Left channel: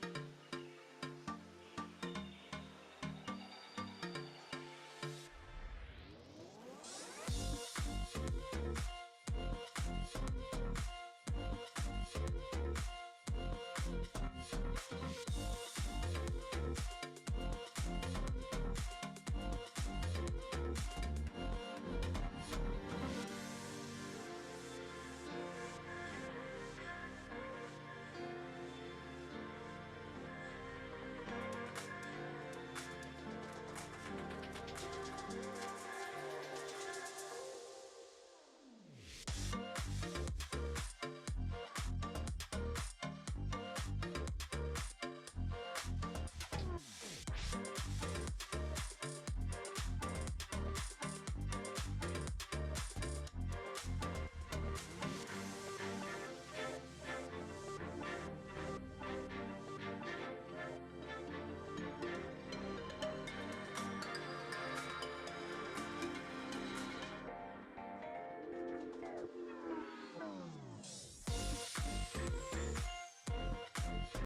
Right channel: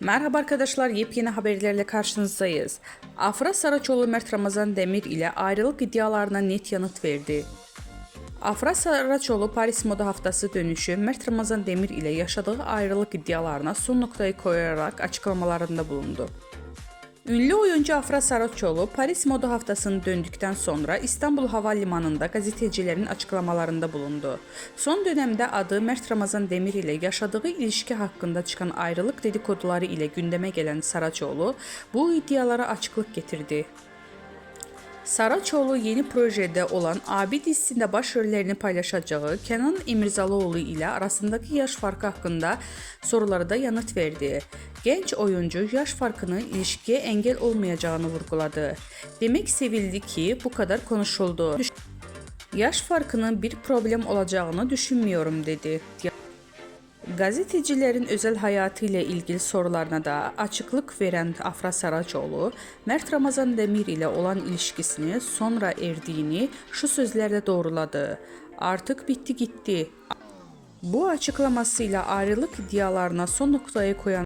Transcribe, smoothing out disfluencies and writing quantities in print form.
Merhaba arkadaşlar, yepyeni haberlerle karşınızdayız. Afra Saraçoğlu Mert Ramazan Demir ile ayrılık iddialarına net yanıt verdi. Afra Saraçoğlu Paris Moda Haftası dönüşü Mert Ramazan Demir ile yaşadığı ayrılık iddialarına son noktayı koyarak açıklamalarında bulundu. Ünlü oyuncu Afra Saraçoğlu Paris Moda Haftası'nı döndükten sonra İstanbul Havalimanı'nda gazetecilerin açıklamalarında bulundu. Son dönemde adı Mert Ramazan Demir ile yaşadığı ilişki hakkında çıkan ayrılık dedikoduları ile gündeme gelen Saraçoğlu bu iddialara açıklık getirdi. Saraçoğlu yeni projede olan Abi dizisinde başrollerini paylaşacağı Kenan İmirzalıoğlu ile arasındaki yaş farkı hakkında sorulara da yanıt verdi. Genç oyuncu yaş farkının ilişkiye engel olmayacağını vurguladı. Demek sevildi ki bu kadar konuşuldu. Yaş farkının bir problem olacağını düşünmüyorum dedi. Gazetecilerin özel hayatı ile ilgili sorularına da açıklık veren Afra Saraçoğlu, Mert Ramazan Demir ile olan ilişkisini sonra erdiğini şu sözlerle doğruladı. Artık bitti gitti. Bu açıklamasıyla ayrılık iddialarına son noktayı koyan